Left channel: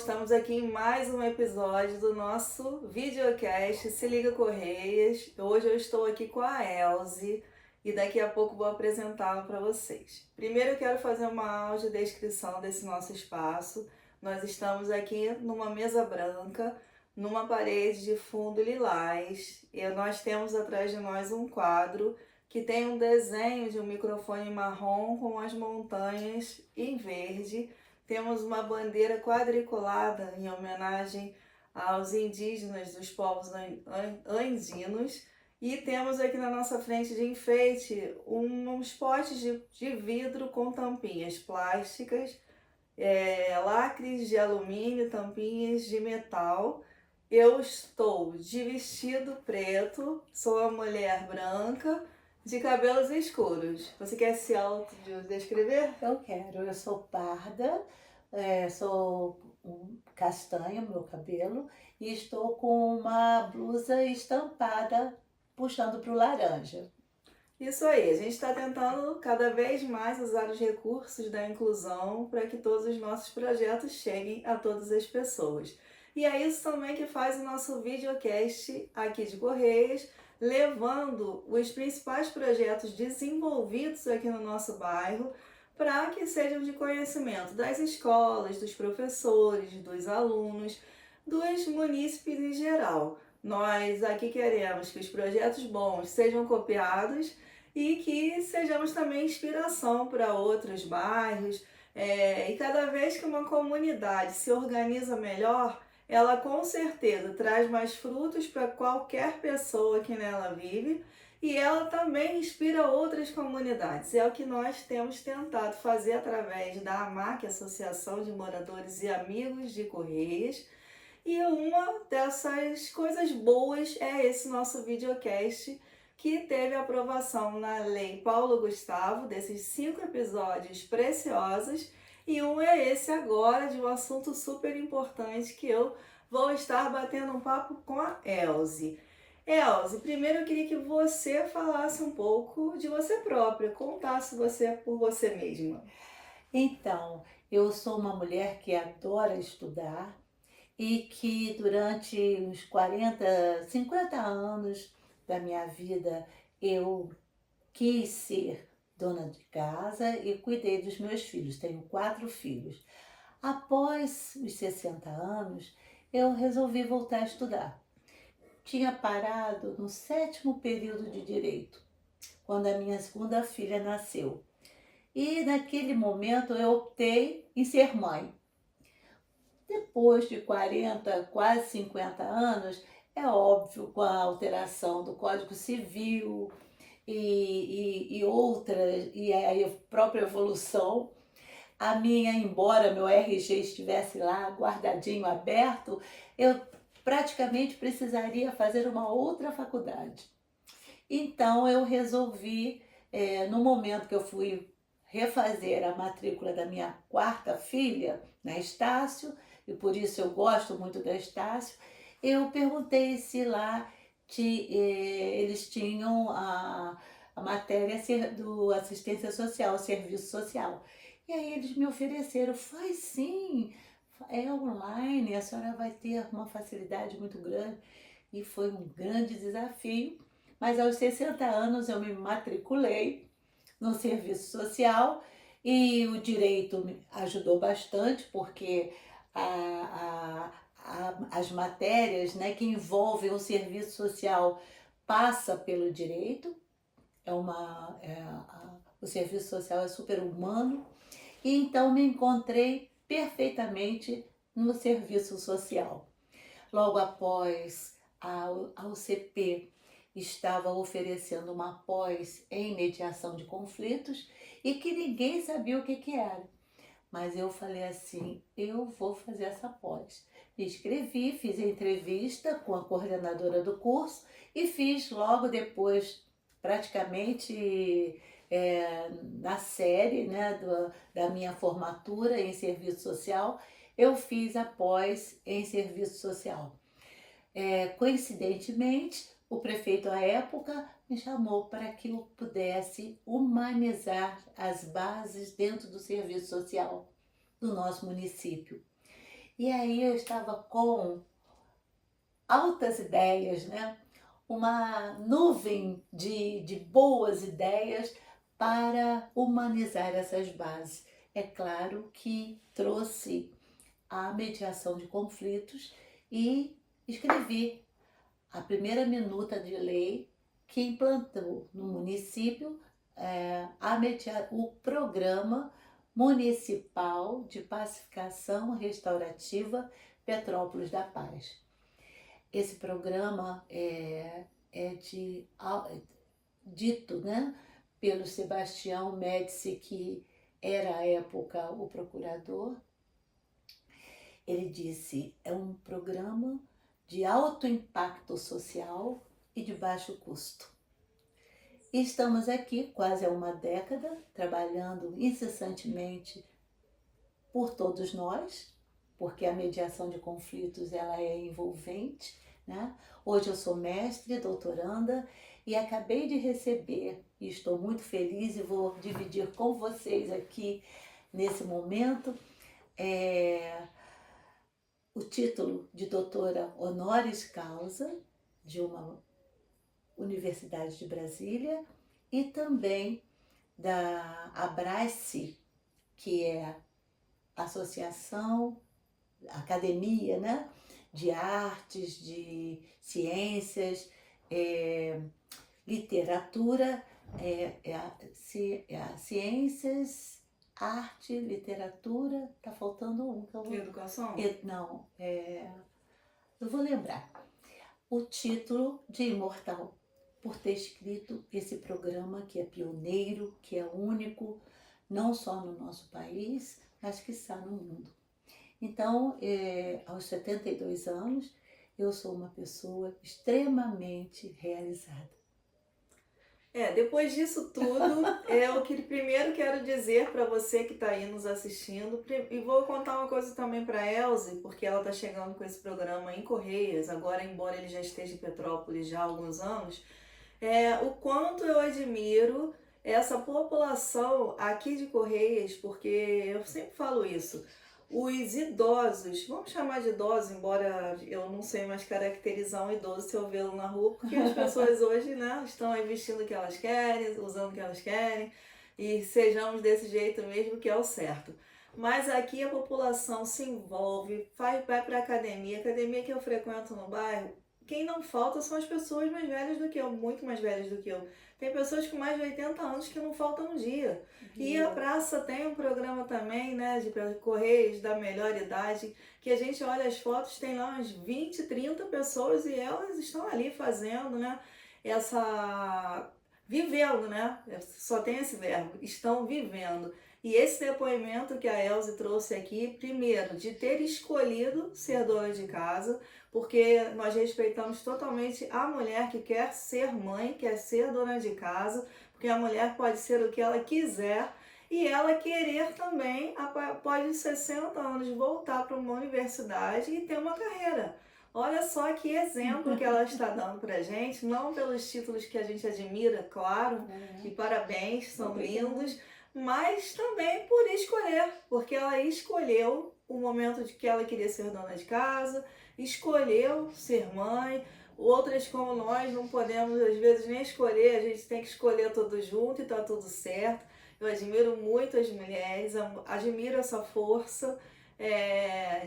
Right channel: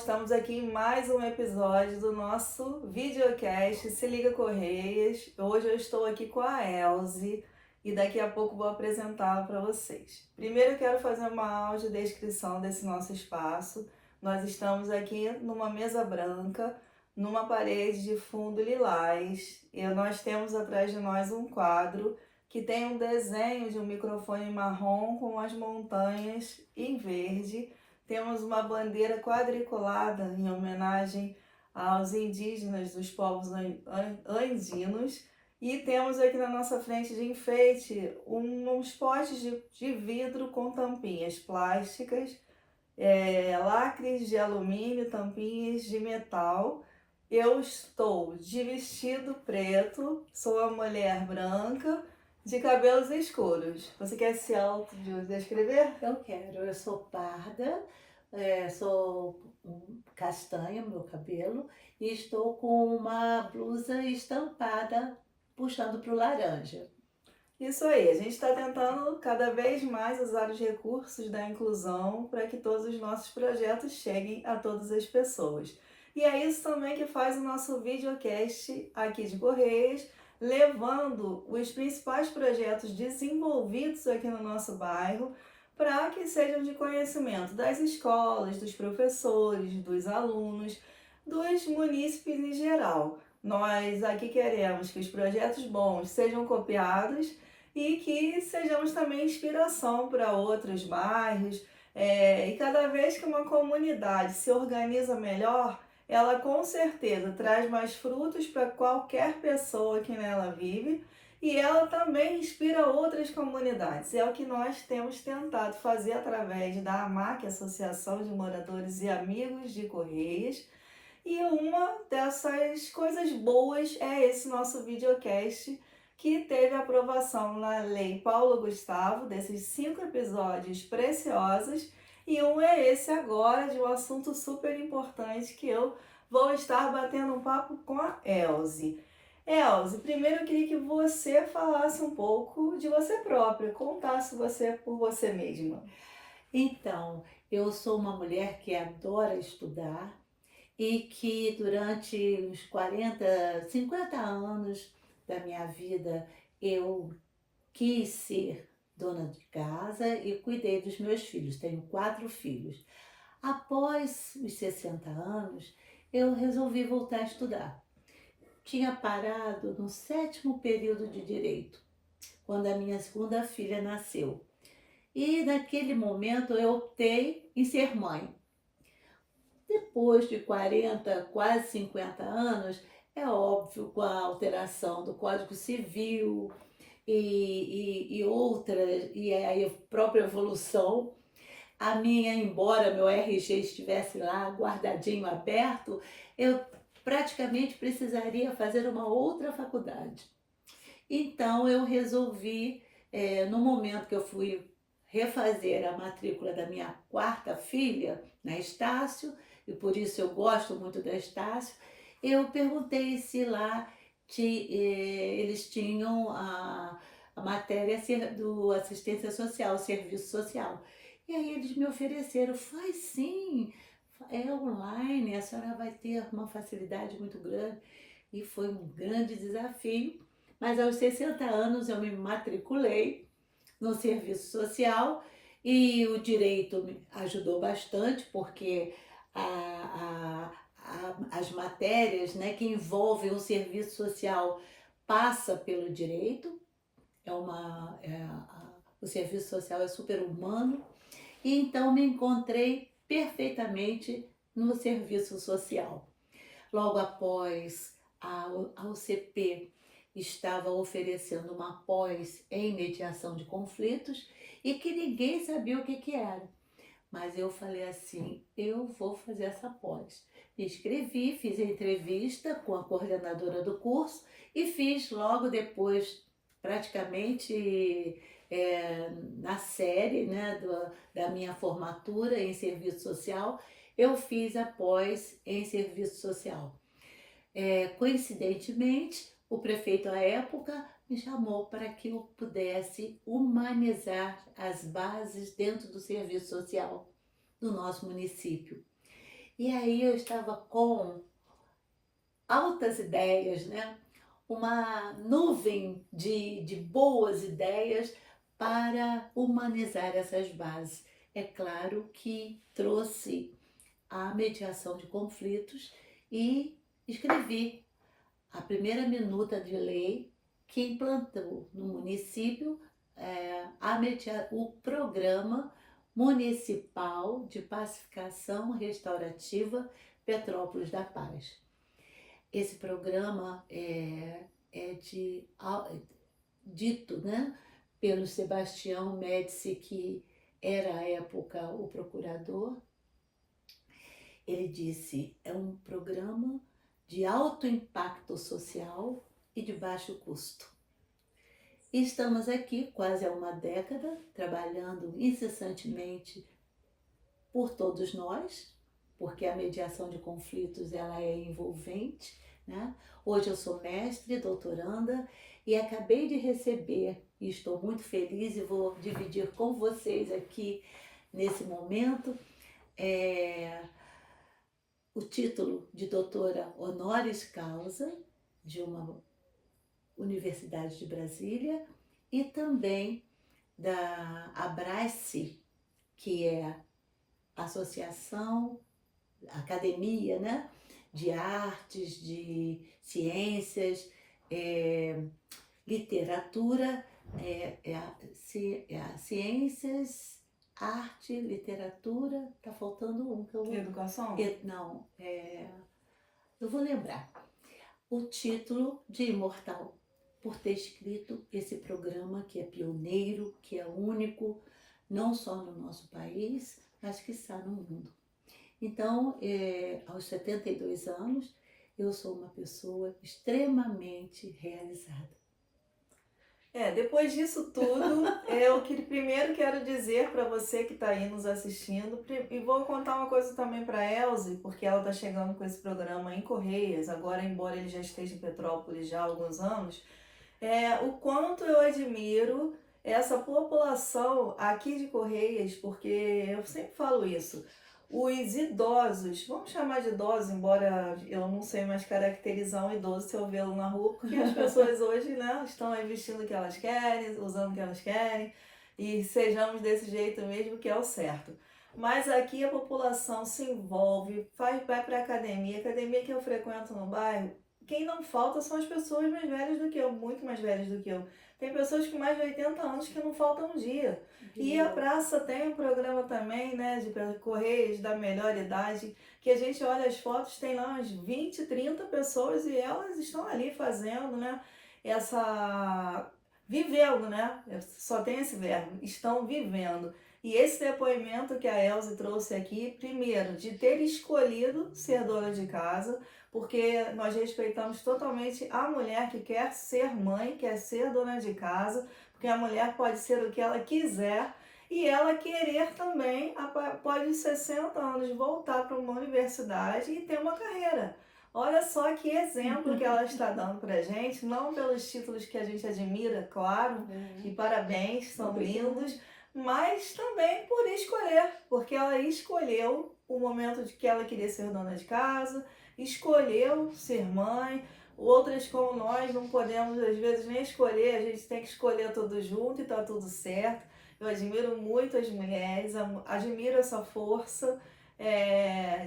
estamos aqui em mais um episódio do nosso videocast Se Liga Correias. Hoje eu estou aqui com a Elze e daqui a pouco vou apresentá-la para vocês. Primeiro eu quero fazer uma audiodescrição desse nosso espaço. Nós estamos aqui numa mesa branca, numa parede de fundo lilás, e nós temos atrás de nós um quadro que tem um desenho de um microfone marrom com as montanhas em verde. Temos uma bandeira quadriculada em homenagem aos indígenas dos povos andinos. E temos aqui na nossa frente de enfeite uns potes de vidro com tampinhas plásticas, lacres de alumínio, tampinhas de metal. Eu estou de vestido preto, sou uma mulher branca, de cabelos escuros. Você quer se autodescrever? Eu quero, eu sou parda, sou castanha, meu cabelo, e estou com uma blusa estampada, puxando para o laranja. Isso aí, a gente está tentando cada vez mais usar os recursos da inclusão para que todos os nossos projetos cheguem a todas as pessoas. E é isso também que faz o nosso videocast aqui de Correias, levando os principais projetos desenvolvidos aqui no nosso bairro para que sejam de conhecimento das escolas, dos professores, dos alunos, dos munícipes em geral. Nós aqui queremos que os projetos bons sejam copiados e que sejamos também inspiração para outros bairros. E cada vez que uma comunidade se organiza melhor, ela com certeza traz mais frutos para qualquer pessoa que nela vive e ela também inspira outras comunidades. É o que nós temos tentado fazer através da AMAC, Associação de Moradores e Amigos de Correias. E uma dessas coisas boas é esse nosso videocast, que teve aprovação na Lei Paulo Gustavo, desses 5 episódios preciosos, e um é esse agora, de um assunto super importante que eu vou estar batendo um papo com a Elze. Elze, primeiro eu queria que você falasse um pouco de você própria, contasse você por você mesma. Então, eu sou uma mulher que adora estudar e que durante uns 40, 50 anos da minha vida eu quis ser dona de casa e cuidei dos meus filhos. Tenho 4 filhos. Após os 60 anos, eu resolvi voltar a estudar. Tinha parado no 7º período de direito, quando a minha segunda filha nasceu. E naquele momento eu optei em ser mãe. Depois de 40, quase 50 anos, é óbvio, com a alteração do Código Civil e outras, e a própria evolução, embora meu RG estivesse lá guardadinho, aberto, eu praticamente precisaria fazer uma outra faculdade. Então eu resolvi, no momento que eu fui refazer a matrícula da minha 4ª filha, na Estácio, e por isso eu gosto muito da Estácio, eu perguntei se lá eles tinham a matéria do assistência social, serviço social. E aí eles me ofereceram, faz sim, é online, a senhora vai ter uma facilidade muito grande. E foi um grande desafio, mas aos 60 anos eu me matriculei no serviço social e o direito me ajudou bastante, porque as matérias, né, que envolvem o serviço social passa pelo direito, o serviço social é super humano, e então me encontrei perfeitamente no serviço social. Logo após, a UCP estava oferecendo uma pós em mediação de conflitos e que ninguém sabia o que era. Mas eu falei assim, eu vou fazer essa pós. Me inscrevi, fiz a entrevista com a coordenadora do curso e fiz logo depois, praticamente na série, né, da minha formatura em serviço social, eu fiz a pós em serviço social. Coincidentemente, o prefeito à época me chamou para que eu pudesse humanizar as bases dentro do serviço social do nosso município. E aí eu estava com altas ideias, né? Uma nuvem de boas ideias para humanizar essas bases. É claro que trouxe a mediação de conflitos e escrevi a primeira minuta de lei que implantou no município o programa municipal de pacificação restaurativa Petrópolis da Paz. Esse programa dito, né, pelo Sebastião Médici, que era à época o procurador. Ele disse: é um programa de alto impacto social e de baixo custo. E estamos aqui quase há uma década, trabalhando incessantemente por todos nós, porque a mediação de conflitos ela é envolvente, né? Hoje eu sou mestre, doutoranda, e acabei de receber, e estou muito feliz e vou dividir com vocês aqui nesse momento, o título de doutora honoris causa de uma Universidade de Brasília e também da Abrace, que é associação, academia, né, de artes, de ciências, literatura, ciências, arte, literatura, tá faltando um que eu vou... Educação? Não, eu vou lembrar. O título de imortal, por ter escrito esse programa que é pioneiro, que é único, não só no nosso país, mas que está no mundo. Então, aos 72 anos, eu sou uma pessoa extremamente realizada. Depois disso tudo, o que primeiro quero dizer para você que está aí nos assistindo, e vou contar uma coisa também para a Elze, porque ela está chegando com esse programa em Correias, agora, embora ele já esteja em Petrópolis já há alguns anos, o quanto eu admiro essa população aqui de Correias, porque eu sempre falo isso. Os idosos, vamos chamar de idosos, embora eu não sei mais caracterizar um idoso se eu vê-lo na rua, porque as pessoas hoje, né, estão aí vestindo o que elas querem, usando o que elas querem, e sejamos desse jeito mesmo, que é o certo. Mas aqui a população se envolve, vai para a academia que eu frequento no bairro, quem não falta são as pessoas mais velhas do que eu, muito mais velhas do que eu. Tem pessoas com mais de 80 anos que não faltam um dia. E a praça tem um programa também, né, de Correios da melhor idade, que a gente olha as fotos, tem lá umas 20, 30 pessoas e elas estão ali fazendo, né, vivendo, né, só tem esse verbo, estão vivendo. E esse depoimento que a Elze trouxe aqui, primeiro, de ter escolhido ser dona de casa, porque nós respeitamos totalmente a mulher que quer ser mãe, quer ser dona de casa, porque a mulher pode ser o que ela quiser e ela querer também, após os 60 anos, voltar para uma universidade e ter uma carreira. Olha só que exemplo que ela está dando para gente, não pelos títulos que a gente admira, claro, e parabéns, são lindos, mas também por escolher, porque ela escolheu o momento de que ela queria ser dona de casa, escolheu ser mãe. Outras como nós não podemos às vezes nem escolher, a gente tem que escolher tudo junto e tá tudo certo. Eu admiro muito as mulheres, admiro essa força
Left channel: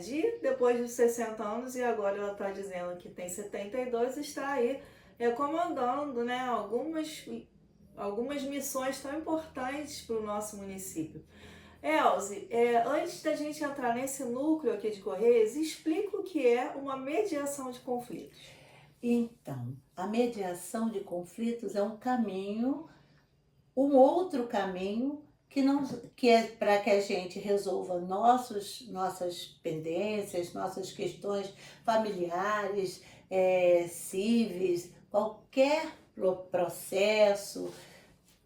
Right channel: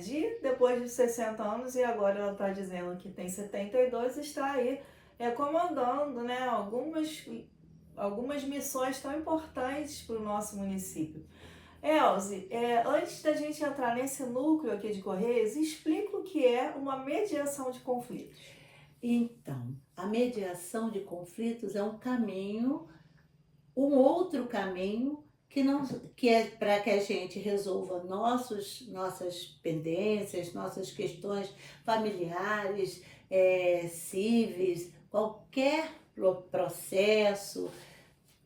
de depois dos 60 anos, e agora ela está dizendo que tem 72 e está aí comandando, né, algumas missões tão importantes para o nosso município. Elze, antes da gente entrar nesse núcleo aqui de Correios, explica o que é uma mediação de conflitos. Então, a mediação de conflitos é um caminho, um outro caminho que é para que a gente resolva nossas pendências, nossas questões familiares, cíveis, qualquer processo,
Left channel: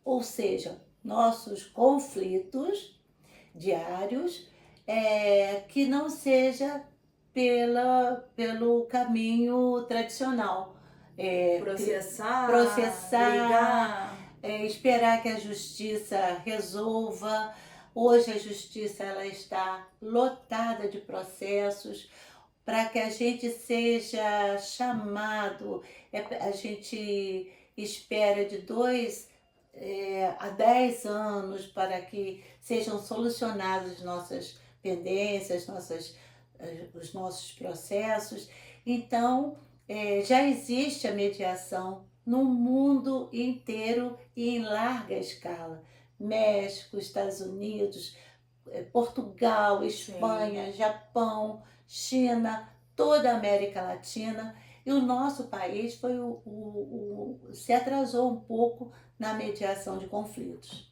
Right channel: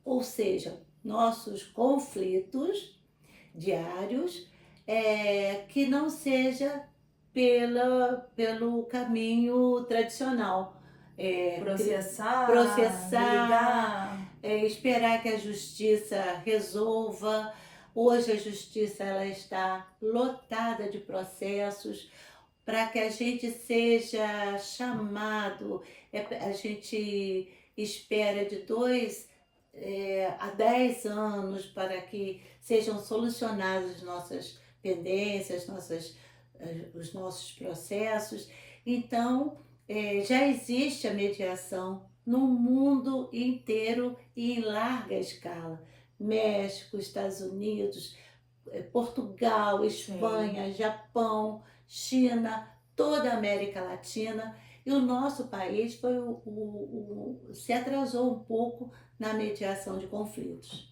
ou seja, nossos conflitos diários, que não seja pelo caminho tradicional. Processar, brigar. Esperar que a justiça resolva, Hoje a justiça ela está lotada de processos para que a gente seja chamado, a gente espera de 2 a 10 anos para que sejam solucionadas nossas pendências, os nossos processos. Então, já existe a mediação no mundo inteiro e em larga escala. México, Estados Unidos, Portugal, Sim. Espanha, Japão, China, toda a América Latina. E o nosso país se atrasou um pouco na mediação de conflitos.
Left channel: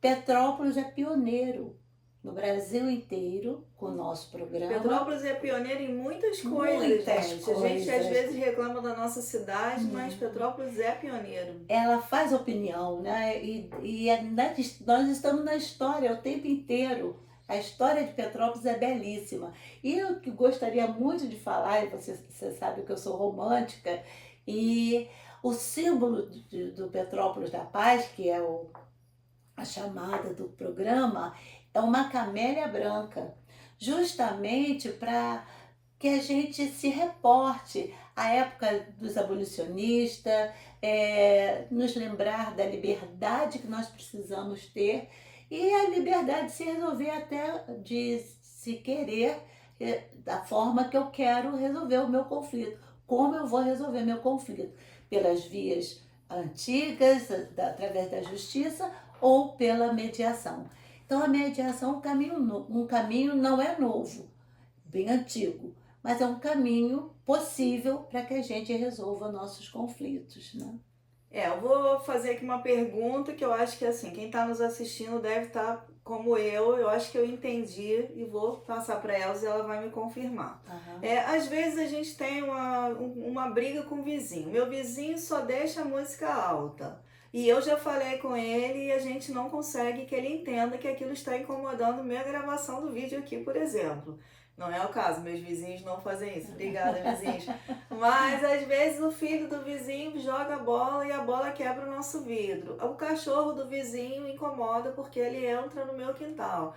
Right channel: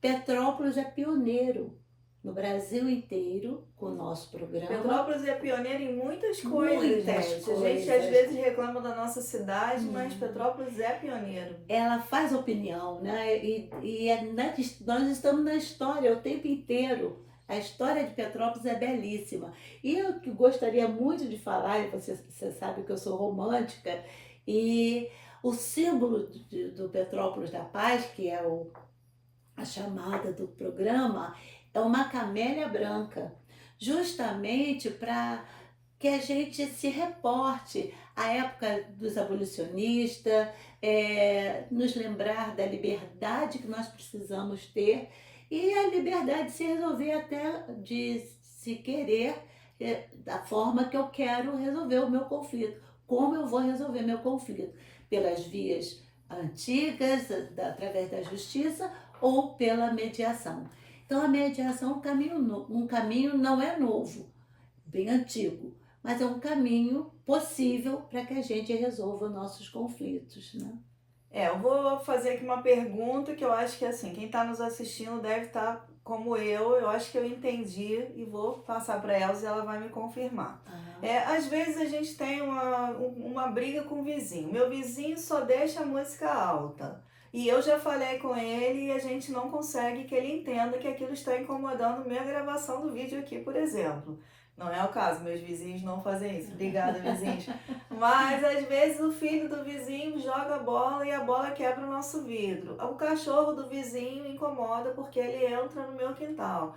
Petrópolis é pioneiro no Brasil inteiro com o nosso programa. Petrópolis é pioneira em muitas coisas, Muitas gente. A gente às vezes reclama da nossa cidade, mas Petrópolis é pioneiro. Ela faz opinião, né? Nós estamos na história o tempo inteiro. A história de Petrópolis é belíssima. E eu que gostaria muito de falar, e você sabe que eu sou romântica, e o símbolo do Petrópolis da Paz, que é a chamada do programa, é uma camélia branca, justamente para que a gente se reporte à época dos abolicionistas, nos lembrar da liberdade que nós precisamos ter e a liberdade de se resolver até de se querer da forma que eu quero resolver o meu conflito. Como eu vou resolver meu conflito? Pelas vias antigas, através da justiça ou pela mediação. Então a mediação é um caminho não é novo, bem antigo, mas é um caminho possível para que a gente resolva nossos conflitos, né? Eu vou fazer aqui uma pergunta que eu acho que assim, quem está nos assistindo deve estar como eu acho que eu entendi e vou passar para ela e ela vai me confirmar. Às vezes a gente tem uma briga com o vizinho. Meu vizinho só deixa a música alta. E eu já falei com ele e a gente não consegue que ele entenda que aquilo está incomodando minha gravação do vídeo aqui, por exemplo. Não é o caso, meus vizinhos não fazem isso. Obrigada, vizinhos. Mas às vezes o filho do vizinho joga a bola e a bola quebra o nosso vidro. O cachorro do vizinho incomoda porque ele entra no meu quintal.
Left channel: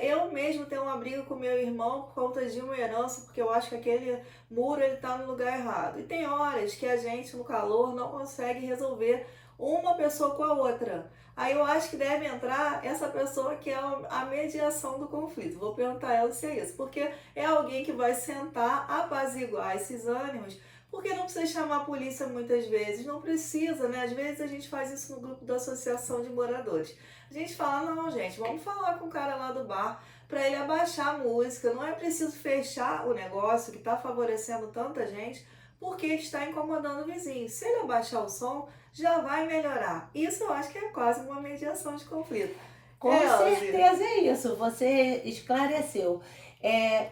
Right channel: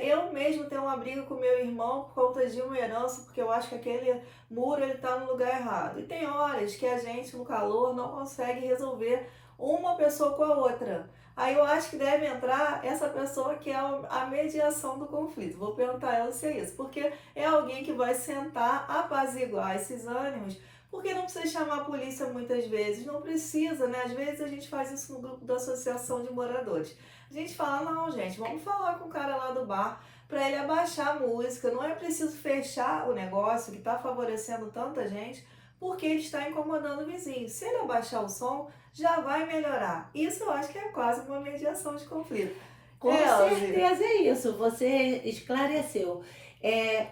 Eu mesmo tenho uma briga com meu irmão por conta de uma herança, porque eu acho que aquele muro está no lugar errado. E tem horas que a gente, no calor, não consegue resolver uma pessoa com a outra. Aí eu acho que deve entrar essa pessoa que é a mediação do conflito. Vou perguntar a ela se é isso, porque é alguém que vai sentar, apaziguar esses ânimos, porque não precisa chamar a polícia muitas vezes, não precisa, né? Às vezes a gente faz isso no grupo da associação de moradores. A gente fala, não, gente, vamos falar com o cara lá do bar para ele abaixar a música, não é preciso fechar o negócio que está favorecendo tanta gente, porque ele está incomodando o vizinho. Se ele abaixar o som, já vai melhorar. Isso eu acho que é quase uma mediação de conflito. Com certeza é isso, você esclareceu.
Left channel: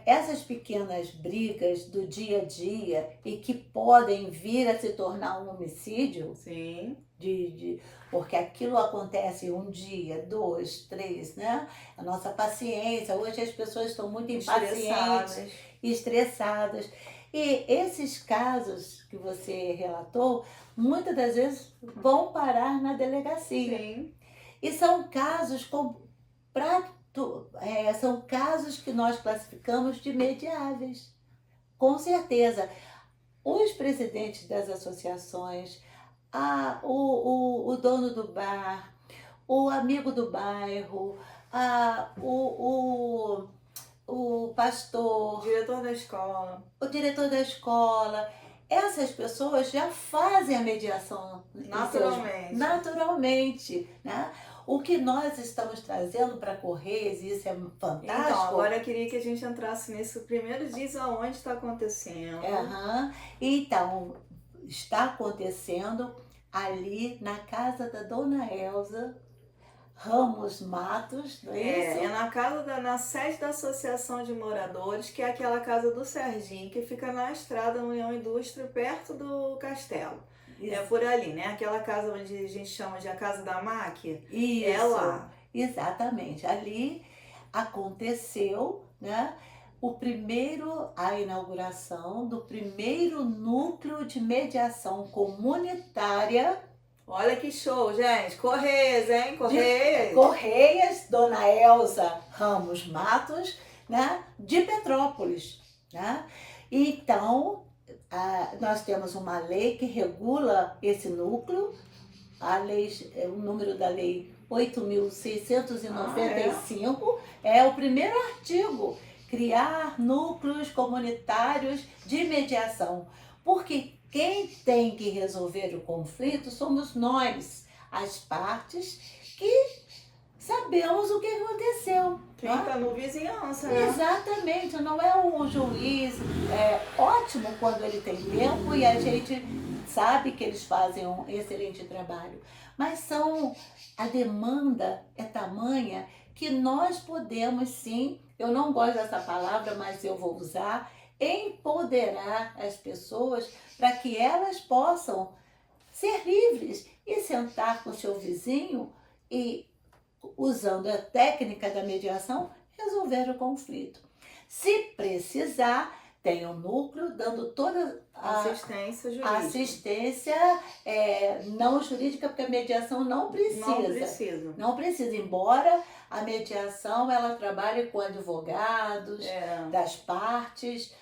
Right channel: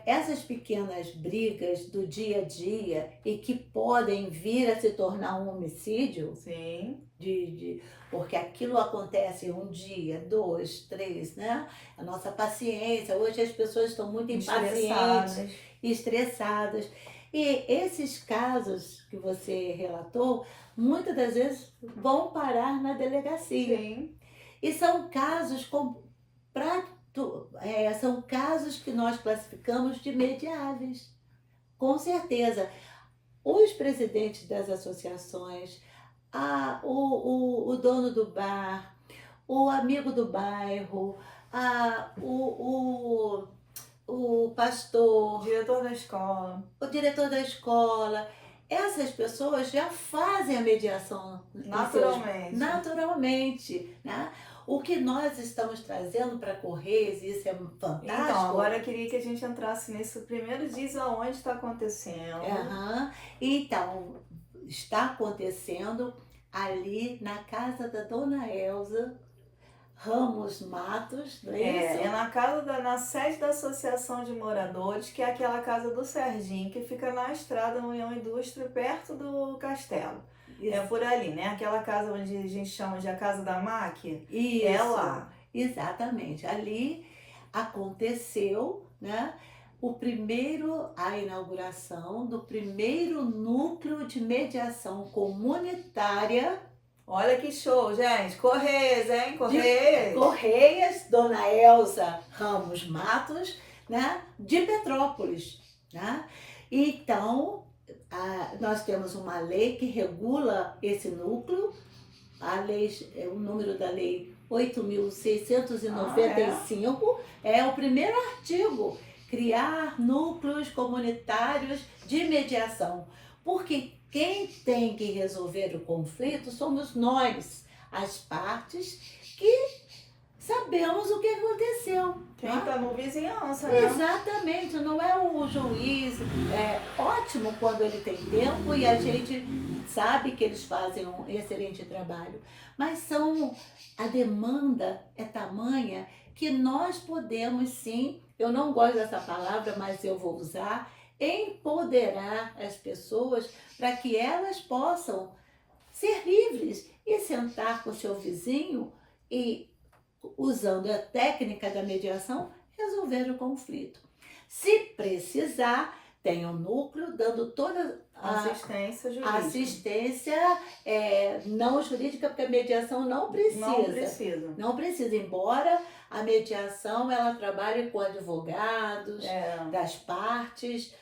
Essas pequenas brigas do dia a dia e que podem vir a se tornar um homicídio, sim, porque aquilo acontece um dia, 2, 3, né? A nossa paciência, hoje as pessoas estão muito impacientes, estressadas. E esses casos que você relatou, muitas das vezes vão parar na delegacia. Sim. E são casos são casos que nós classificamos de mediáveis. Com certeza. Os presidentes das associações, o dono do bar, o amigo do bairro, o pastor, diretor da escola, o diretor da escola, essas pessoas já fazem a mediação naturalmente, né? O que nós estamos trazendo para Correios, isso é fantástico. Então, agora eu queria que a gente entrasse nesse primeiro diz aonde está acontecendo. Então, está acontecendo ali na casa da Dona Elza Ramos Matos, não é isso? Na sede da Associação de Moradores, que é aquela casa do Serginho, que fica na estrada União Indústria, perto do castelo. Isso. É por ali, né? Aquela casa onde a gente chama de a Casa da Máquina. Isso, é lá. Exatamente. Ali aconteceu, né, a inauguração do primeiro núcleo de mediação comunitária Olha que show, gente. Correias, hein? Correias. Correias, Dona Elza Ramos Matos, né, de Petrópolis, né? Então, nós temos uma lei que regula esse núcleo, o número da lei Ah, é? 8.695, é o primeiro artigo, criar núcleos comunitários de mediação, porque quem tem que resolver o conflito somos nós, as partes que sabemos o que aconteceu. Quem Né? tá no vizinhança, né? Exatamente, não é o juiz. É ótimo quando ele tem tempo e a gente sabe que eles fazem um excelente trabalho. Mas a demanda é tamanha que nós podemos sim, eu não gosto dessa palavra, mas eu vou usar, empoderar as pessoas para que elas possam ser livres e sentar com o seu vizinho e, usando a técnica da mediação, resolver o conflito. Se precisar, tem um núcleo dando toda a Assistência jurídica. assistência não jurídica, porque a mediação não precisa. Não precisa. Não precisa, embora a mediação ela trabalhe com advogados das partes,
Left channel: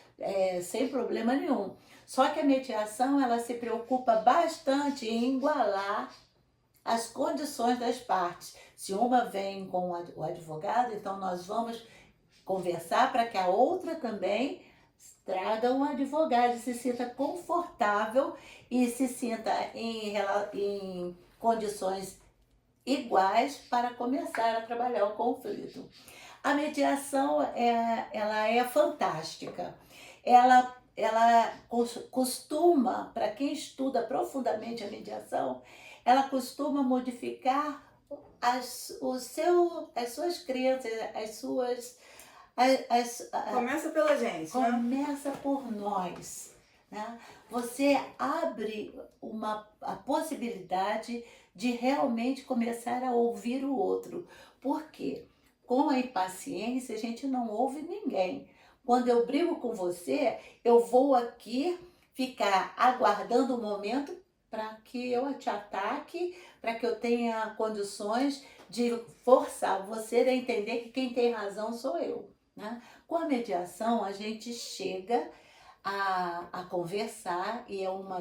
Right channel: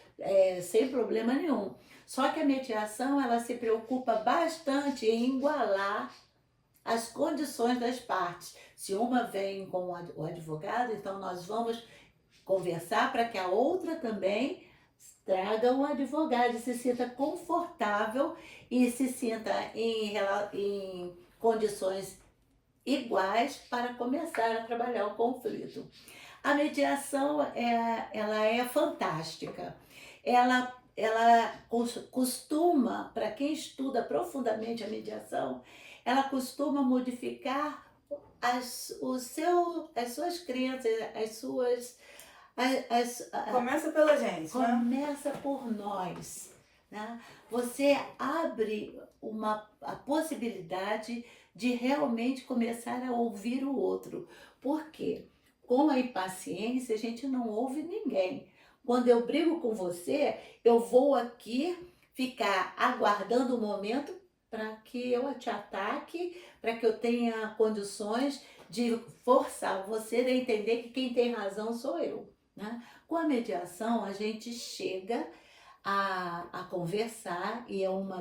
sem problema nenhum. Só que a mediação ela se preocupa bastante em igualar as condições das partes. Se uma vem com o advogado, então nós vamos conversar para que a outra também traga um advogado e se sinta confortável e se sinta em condições iguais para começar a trabalhar o conflito. A mediação ela é fantástica. Ela costuma, para quem estuda profundamente a mediação, ela costuma modificar as suas crenças, Começa pela gente, né? começa por nós. Né? Você abre a possibilidade de realmente começar a ouvir o outro. Por quê? Com a impaciência, a gente não ouve ninguém. Quando eu brigo com você, eu vou aqui ficar aguardando o momento para que eu te ataque, para que eu tenha condições de forçar você a entender que quem tem razão sou eu. Né? Com a mediação, a gente chega a conversar e é uma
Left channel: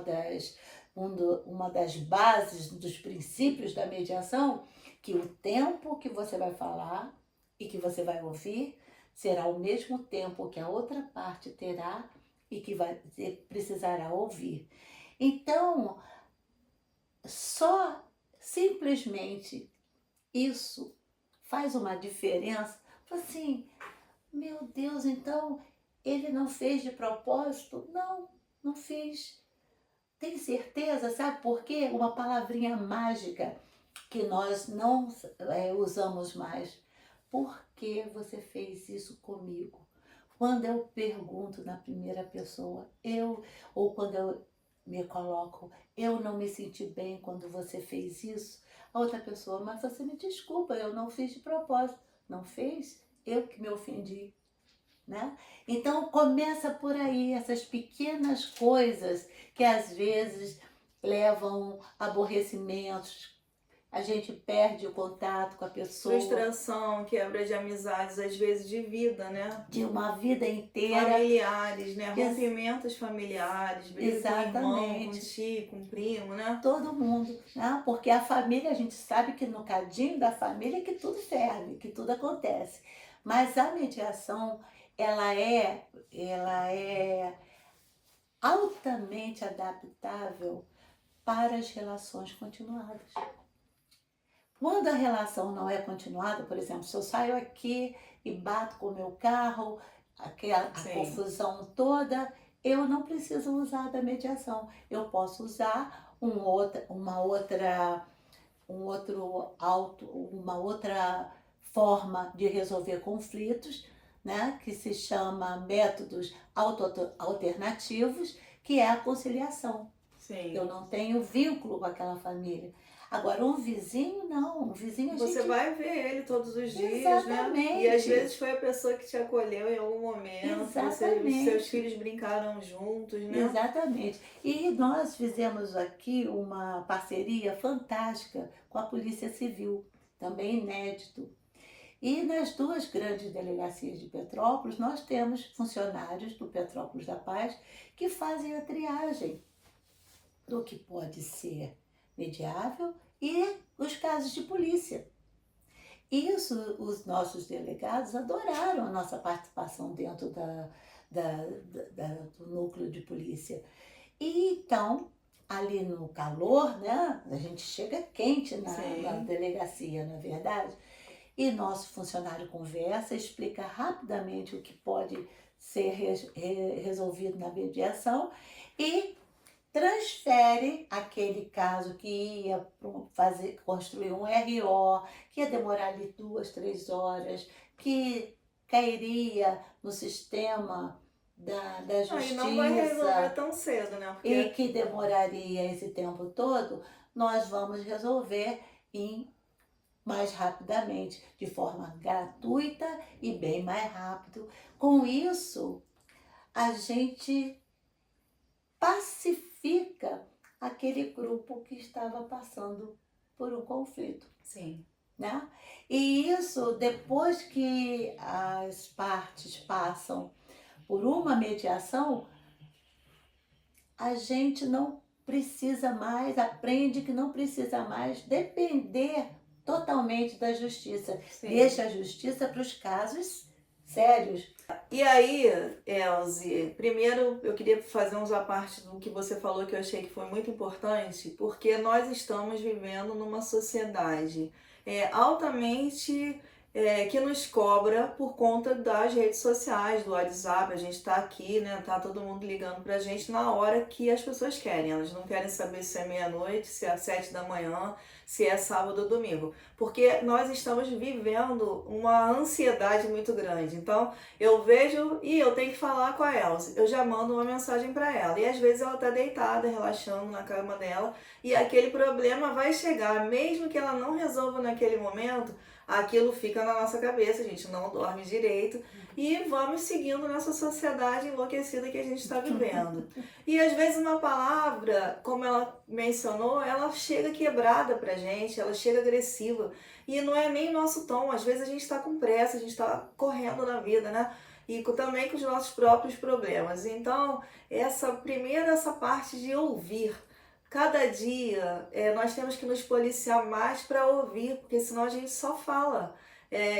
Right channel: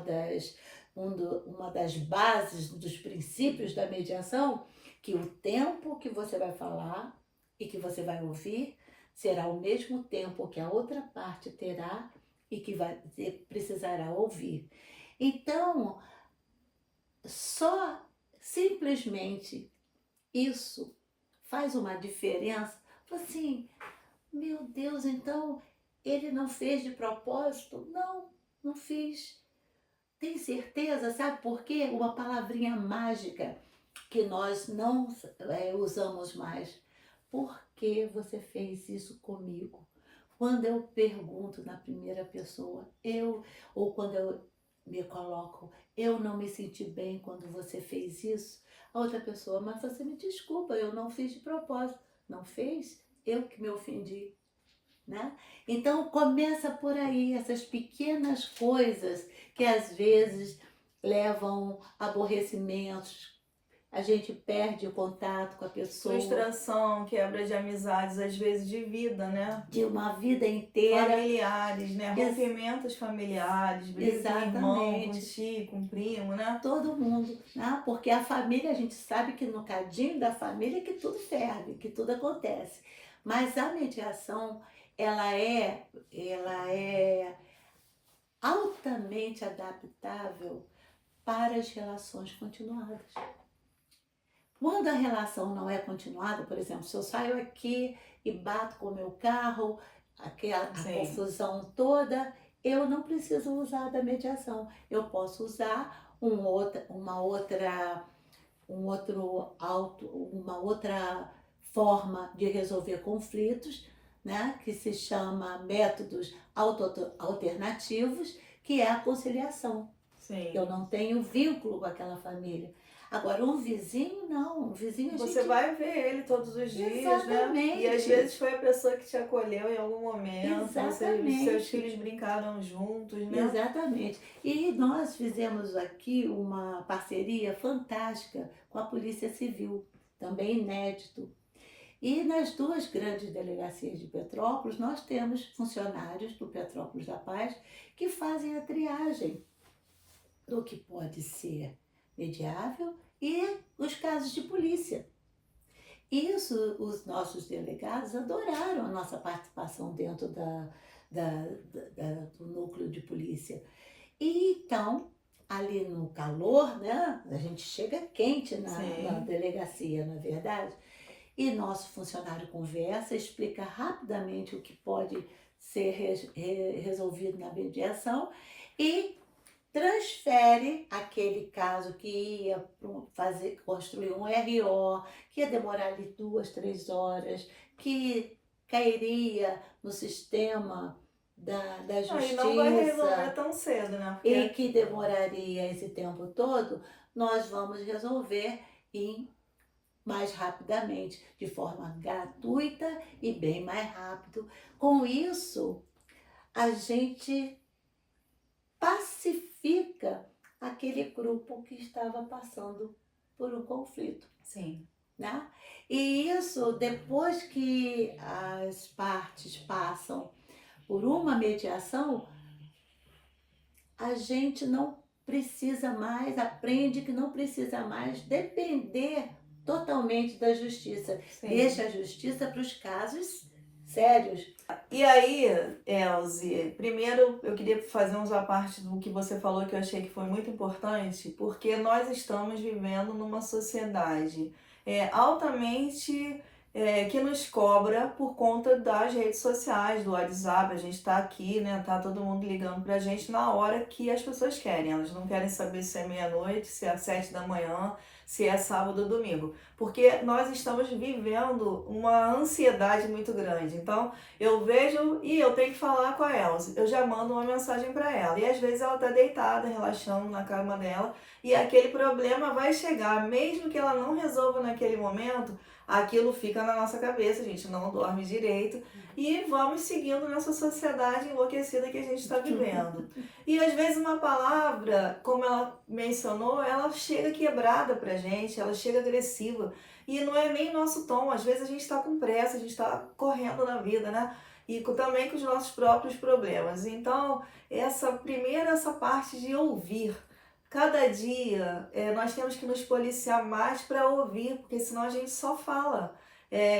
das bases, dos princípios da mediação, que o tempo que você vai falar e que você vai ouvir será o mesmo tempo que a outra parte terá e que precisará ouvir. Então, só simplesmente isso faz uma diferença. Assim, meu Deus, então ele não fez de propósito? Não, não fiz. Tem certeza? Sabe por quê? Uma palavrinha mágica que nós não usamos mais. Por que você fez isso comigo? Quando eu pergunto na primeira pessoa, ou quando eu me coloco, eu não me senti bem quando você fez isso, a outra pessoa, mas você me desculpa, eu não fiz de propósito. Não fez? Eu que me ofendi. Né? Então começa por aí, essas pequenas coisas que às vezes levam aborrecimentos, a gente perde o contato com a pessoa. Frustração, quebra de amizades, às vezes de vida, né? De uma vida inteira. Familiares, né? Rompimentos familiares, briga com irmão, com tio, com primo, né? Todo mundo, né? Porque a família, a gente sabe que no cadinho da família que tudo serve, que tudo acontece. Mas a mediação, ela é altamente adaptável para as relações continuadas. Quando a relação não é continuada, por exemplo, se eu saio aqui e bato com o meu carro, a confusão toda, eu não preciso usar da mediação. Eu posso usar uma outra forma de resolver conflitos, né, que se chama métodos alternativos, que é a conciliação. Sim. Eu não tenho vínculo com aquela família. Agora, um vizinho, não. Um vizinho a Você gente... vai ver ele todos os dias, né? E às Exatamente, vezes foi a pessoa que te acolheu em algum momento, seus exatamente. filhos brincaram juntos, né? Exatamente. E nós fizemos aqui uma parceria fantástica com a Polícia Civil, também inédito. E nas duas grandes delegacias de Petrópolis, nós temos funcionários do Petrópolis da Paz que fazem a triagem do que pode ser mediável e os casos de polícia. Isso, os nossos delegados adoraram a nossa participação dentro do núcleo de polícia. E então, ali no calor, né, a gente chega quente na Sim. delegacia, não é verdade? E nosso funcionário conversa, explica rapidamente o que pode ser resolvido na mediação e transfere aquele caso que ia construir um RO, que ia demorar ali 2, 3 horas, que cairia no sistema da Aí não vai resolver justiça tão cedo, né? e Porque que demoraria esse tempo todo, nós vamos resolver em mais rapidamente, de forma gratuita e bem mais rápido. Com isso, a gente pacifica aquele grupo que estava passando por um conflito, sim. né? E isso, depois que as partes passam por uma mediação, a gente não precisa mais, aprende que não precisa mais depender totalmente da justiça. Sim. Deixa a justiça para os casos sérios. E aí, Elze, primeiro eu queria fazer uns à parte do que você falou que eu achei que foi muito importante, porque nós estamos vivendo numa sociedade altamente que nos cobra por conta das redes sociais, do WhatsApp. A gente está aqui, né? Tá todo mundo ligando pra gente na hora que as pessoas querem. Elas não querem saber se é meia-noite, se é às 7 da manhã, se é sábado ou domingo. Porque nós estamos vivendo uma ansiedade muito grande. Então, eu vejo e eu tenho que falar com a Elze. Eu já mando uma mensagem para ela. E às vezes ela tá deitada, relaxando na cama dela, e aquele problema vai chegar, mesmo que ela não resolva naquele momento, aquilo fica na nossa cabeça, a gente não dorme direito e vamos seguindo nessa sociedade enlouquecida que a gente está vivendo. E às vezes uma palavra, como ela mencionou, ela chega quebrada pra gente, ela chega agressiva. E não é nem nosso tom, às vezes a gente está com pressa, a gente está correndo na vida, né? E também com os nossos próprios problemas. Então, essa parte de ouvir. Cada dia nós temos que nos policiar mais para ouvir, porque senão a gente só fala.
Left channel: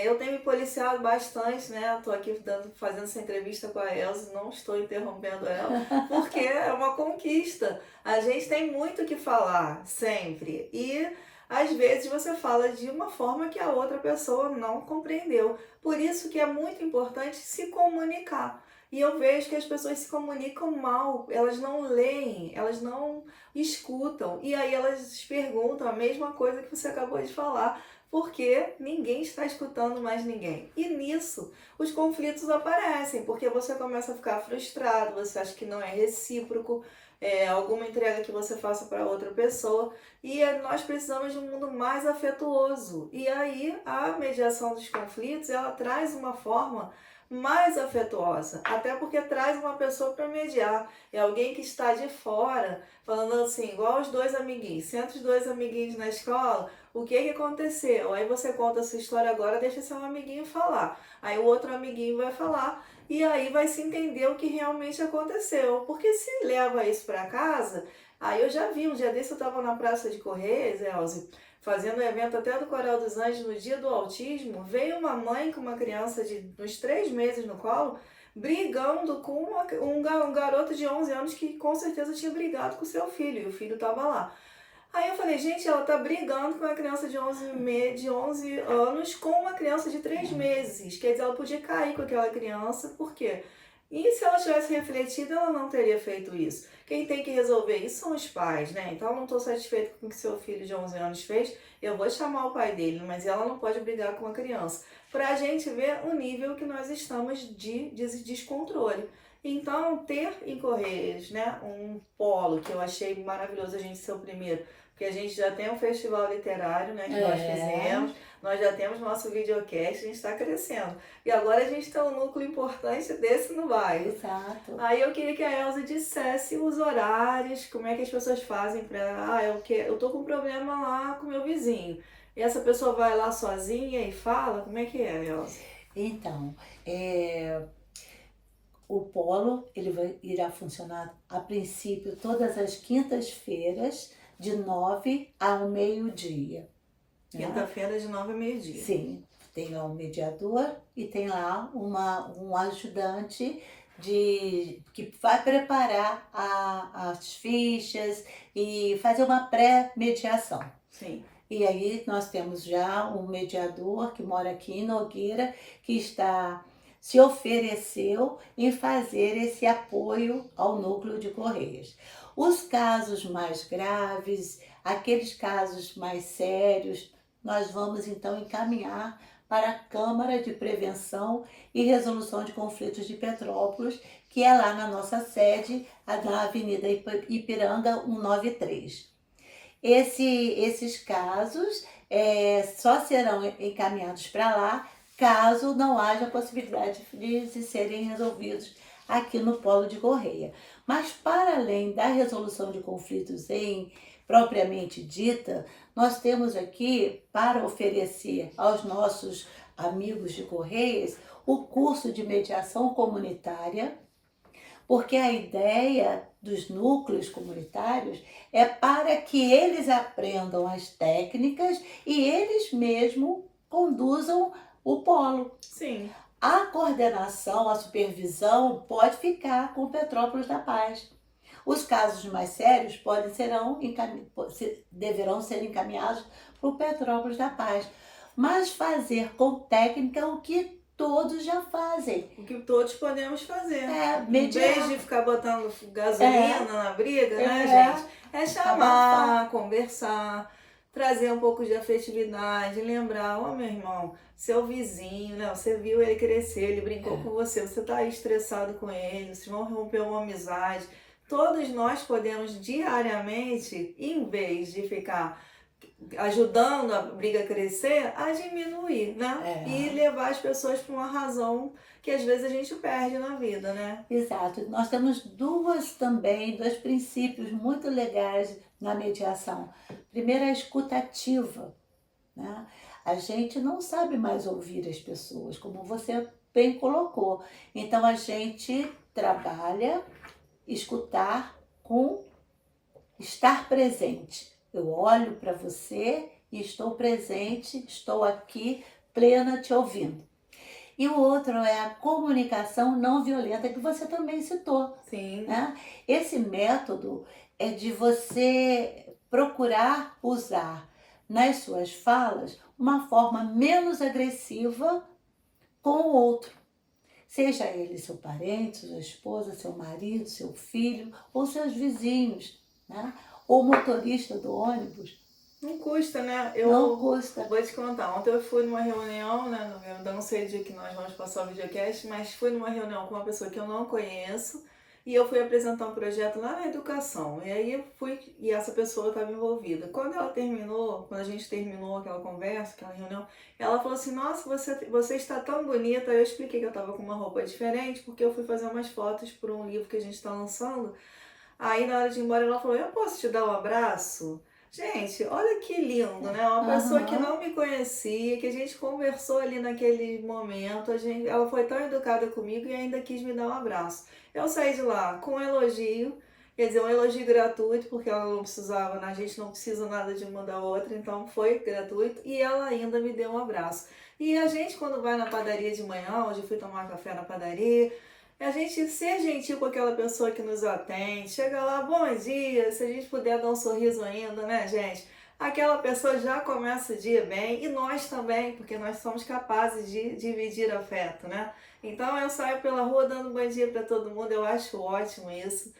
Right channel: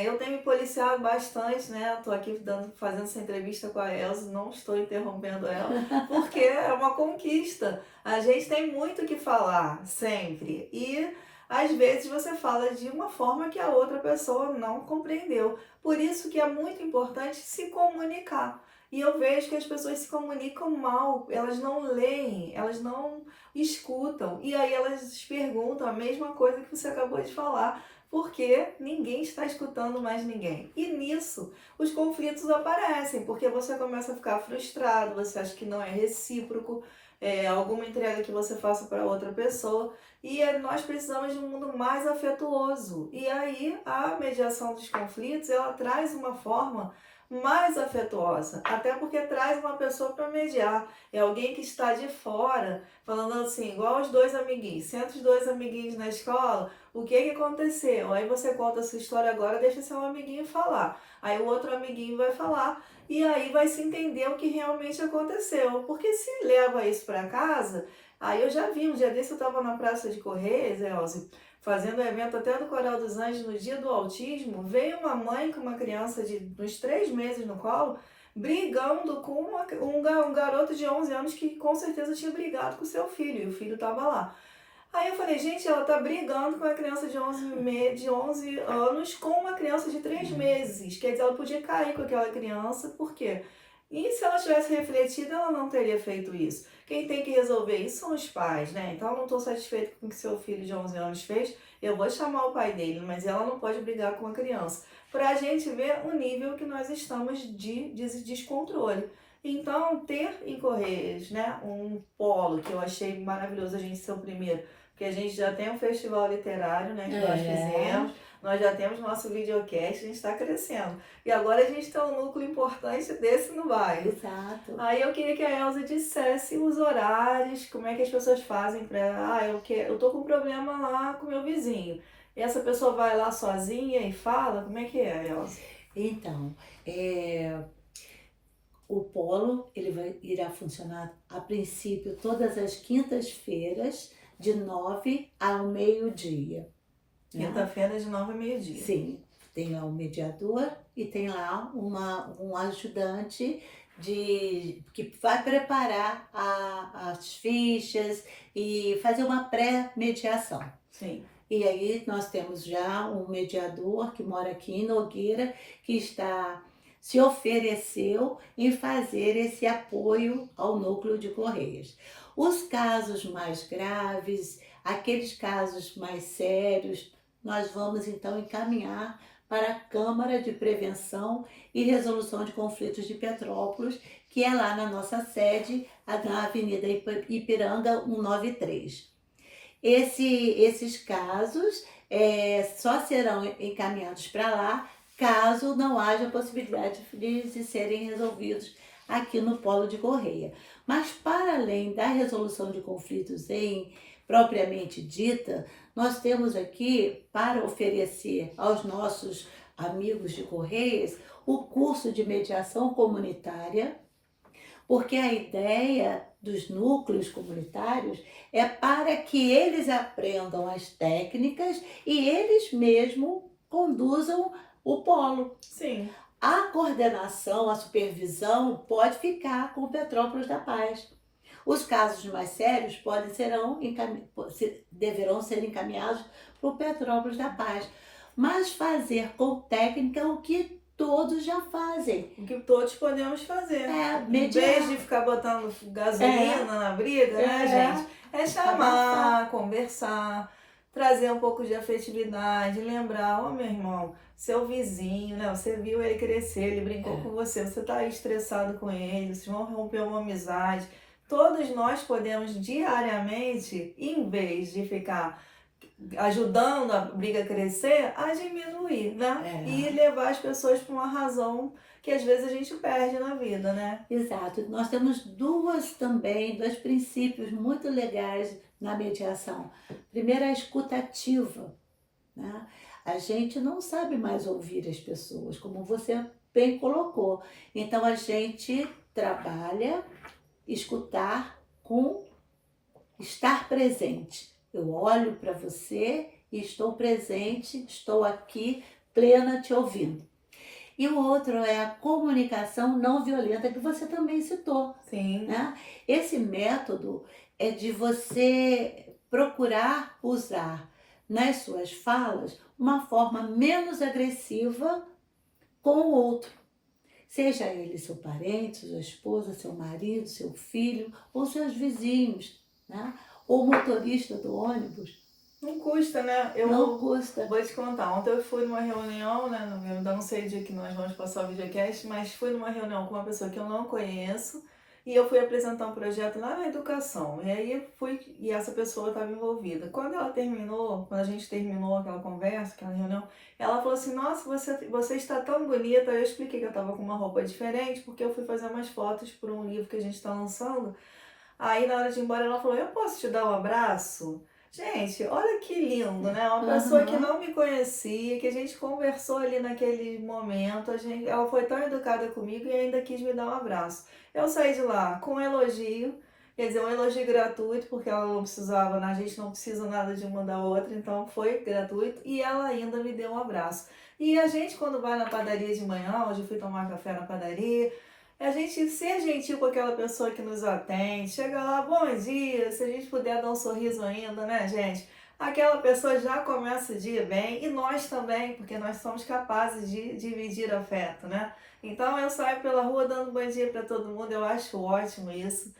Eu tenho me policiado bastante, né? Estou aqui fazendo essa entrevista com a Elze, não estou interrompendo ela, porque é uma conquista. A gente tem muito o que falar, sempre. E às vezes você fala de uma forma que a outra pessoa não compreendeu. Por isso que é muito importante se comunicar. E eu vejo que as pessoas se comunicam mal, elas não leem, elas não escutam. E aí elas perguntam a mesma coisa que você acabou de falar, porque ninguém está escutando mais ninguém. E nisso os conflitos aparecem, porque você começa a ficar frustrado, você acha que não é recíproco, alguma entrega que você faça para outra pessoa. E nós precisamos de um mundo mais afetuoso. E aí a mediação dos conflitos, ela traz uma forma mais afetuosa, até porque traz uma pessoa para mediar. É alguém que está de fora, falando assim, igual os dois amiguinhos. Senta os dois amiguinhos na escola, o que que aconteceu? Aí você conta a sua história agora, deixa seu amiguinho falar. Aí o outro amiguinho vai falar e aí vai se entender o que realmente aconteceu. Porque se leva isso para casa, aí eu já vi, um dia desse eu estava na Praça de Correios, Elze, fazendo evento até do Coral dos Anjos no dia do autismo, veio uma mãe com uma criança de uns 3 meses no colo, brigando com um garoto de 11 anos que com certeza tinha brigado com seu filho, e o filho estava lá. Aí eu falei, gente, ela tá brigando com uma criança de 11 anos com uma criança de 3 meses. Quer dizer, ela podia cair com aquela criança, por quê? E se ela tivesse refletido, ela não teria feito isso. Quem tem que resolver isso são os pais, né? Então, eu não estou satisfeito com o que seu filho de 11 anos fez, eu vou chamar o pai dele, mas ela não pode brigar com uma criança. Para a gente ver o nível que nós estamos de descontrole. Então, ter em Correias, né, um polo que eu achei maravilhoso a gente ser o primeiro, porque a gente já tem um festival literário, né, que nós É, fizemos, nós já temos nosso videocast, a gente está crescendo. E agora a gente tem um núcleo importante desse no bairro. exato. Aí eu queria que a Elza dissesse os horários, como é que as pessoas fazem para, eu tô com um problema lá com meu vizinho. E essa pessoa vai lá sozinha e fala, como é que é, Elza? Então, é, o polo irá funcionar a princípio todas as quintas-feiras, de 9 ao meio-dia. Né? Quinta-feira de 9 ao meio-dia. Sim, tem lá um mediador e tem lá um ajudante que vai preparar as fichas e fazer uma pré-mediação. Sim. E aí nós temos já um mediador que mora aqui em Nogueira, que se ofereceu em fazer esse apoio ao núcleo de Correias. Os casos mais graves, aqueles casos mais sérios, nós vamos então encaminhar para a Câmara de Prevenção e Resolução de Conflitos de Petrópolis, que é lá na nossa sede, na Avenida Ipiranga 193. Esses casos só serão encaminhados para lá caso não haja possibilidade de serem resolvidos aqui no Polo de Correia. Mas para além da resolução de conflitos propriamente dita, nós temos aqui para oferecer aos nossos amigos de Correias o curso de mediação comunitária, porque a ideia dos núcleos comunitários é para que eles aprendam as técnicas e eles mesmos conduzam o polo. Sim. A coordenação, a supervisão pode ficar com Petrópolis da Paz. Os casos mais sérios deverão ser encaminhados para o Petrópolis da Paz. Mas fazer com técnica o que todos já fazem. O que todos podemos fazer. Em Mediar. vez de ficar botando gasolina na briga, né, gente? É chamar, conversar, trazer um pouco de afetividade, lembrar, meu irmão, seu vizinho, né? Você viu ele crescer, ele brincou com você tá aí estressado com ele, vocês vão romper uma amizade. Todos nós podemos diariamente, em vez de ficar ajudando a briga a crescer, a diminuir, né? E levar as pessoas para uma razão que às vezes a gente perde na vida, né? Exato. Nós temos dois princípios muito legais na mediação. Primeiro, a escutativa, né? A gente não sabe mais ouvir as pessoas, como você bem colocou. Então, a gente trabalha escutar com estar presente. Eu olho para você e estou presente, estou aqui, plena, te ouvindo. E o outro é a comunicação não violenta, que você também citou. Sim. Né? Esse método é de você procurar usar nas suas falas uma forma menos agressiva com o outro. Seja ele seu parente, sua esposa, seu marido, seu filho ou seus vizinhos, né? Ou motorista do ônibus. Não custa, né? Não custa. Vou te contar, ontem eu fui numa reunião, né? Eu ainda não sei o dia que nós vamos passar o videocast, mas fui numa reunião com uma pessoa que eu não conheço e eu fui apresentar um projeto lá na educação. E aí e essa pessoa estava envolvida. Quando a gente terminou aquela conversa, aquela reunião, ela falou assim, nossa, você está tão bonita. Eu expliquei que eu estava com uma roupa diferente, porque eu fui fazer umas fotos para um livro que a gente está lançando. Aí na hora de ir embora ela falou, eu posso te dar um abraço? Gente, olha que lindo, né? Uma pessoa que não me conhecia, que a gente conversou ali naquele momento, ela foi tão educada comigo e ainda quis me dar um abraço. Eu saí de lá com um elogio, quer dizer, um elogio gratuito, porque ela não precisava, a gente não precisa nada de uma da outra, então foi gratuito, e ela ainda me deu um abraço. E a gente, quando vai na padaria de manhã, hoje eu fui tomar café na padaria, a gente ser gentil com aquela pessoa que nos atende, chega lá, bom dia, se a gente puder dar um sorriso ainda, né, gente? Aquela pessoa já começa o dia bem e nós também, porque nós somos capazes de dividir afeto, né? Então eu saio pela rua dando bom dia para todo mundo, eu acho ótimo isso.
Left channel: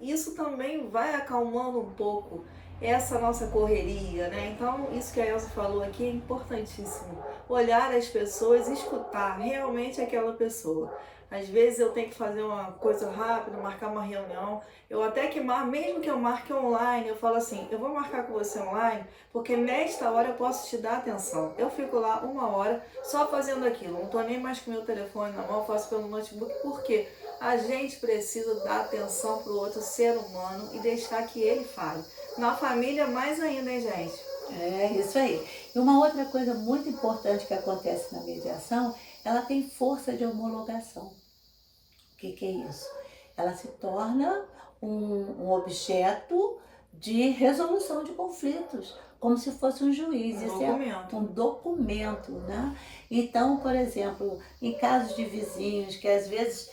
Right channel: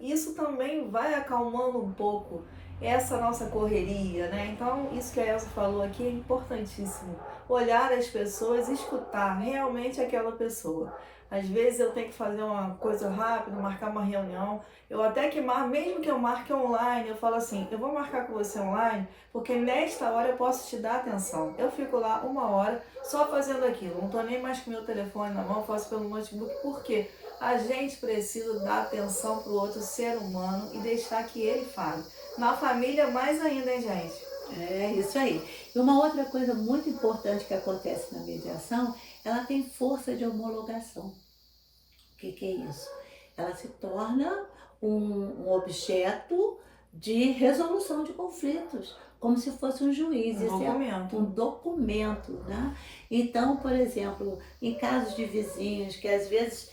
Isso também vai acalmando um pouco essa nossa correria, né? Então, isso que a Elza falou aqui é importantíssimo. Olhar as pessoas, escutar realmente aquela pessoa. Às vezes eu tenho que fazer uma coisa rápida, marcar uma reunião. Eu até que mesmo que eu marque online, eu falo assim, eu vou marcar com você online, porque nesta hora eu posso te dar atenção. Eu fico lá 1 hora só fazendo aquilo. Não tô nem mais com o meu telefone na mão, faço pelo notebook. Por quê? A gente precisa dar atenção para o outro ser humano e deixar que ele fale. Na família, mais ainda, hein, gente? É isso aí. E uma outra coisa muito importante que acontece na mediação, ela tem força de homologação. O que é isso? Ela se torna um objeto de resolução de conflitos, como se fosse um juiz. Um Isso documento. é um documento, né? Então, por exemplo, em casos de vizinhos que às vezes